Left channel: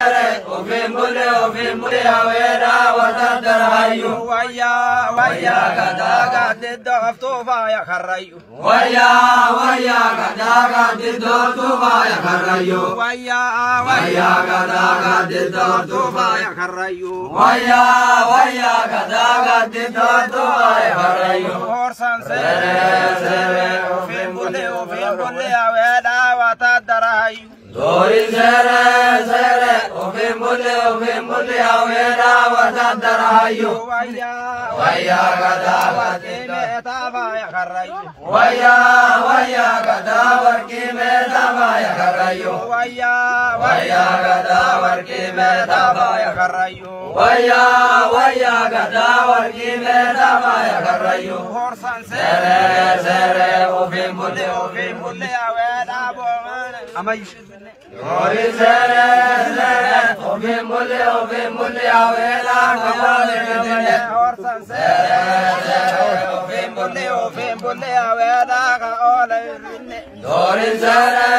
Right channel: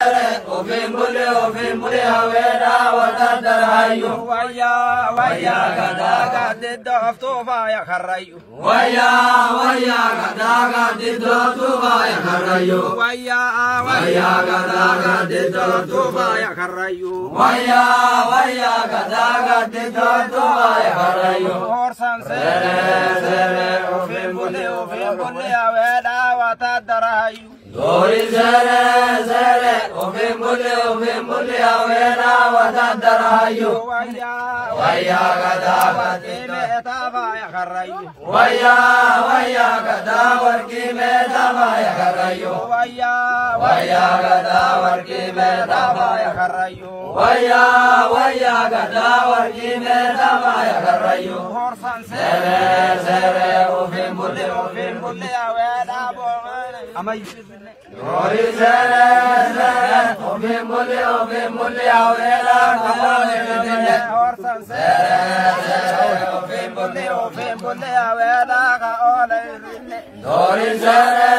Ofin mule aweda watadarayu. Waya gadaga diddo aftufa ya kharrayu. Waya gadaga diddo aftufa ya kharrayu. Waya gadaga diddo aftufa ya kharrayu. Waya gadaga diddo aftufa ya kharrayu. Orsan sere ofin mule aweda watadarayu. Dori sere ofin mule aweda watadarayu. Waya gadaga diddo aftufa ya kharrayu. Waya gadaga diddo aftufa ya kharrayu. Waya gadaga diddo aftufa ya kharrayu. Waya gadaga diddo aftufa ya kharrayu. Sere ofin mule aweda amay. Dori sere ofin mule aweda watadarayu. Orsan sere ofin mule aweda ka ole. Dori sere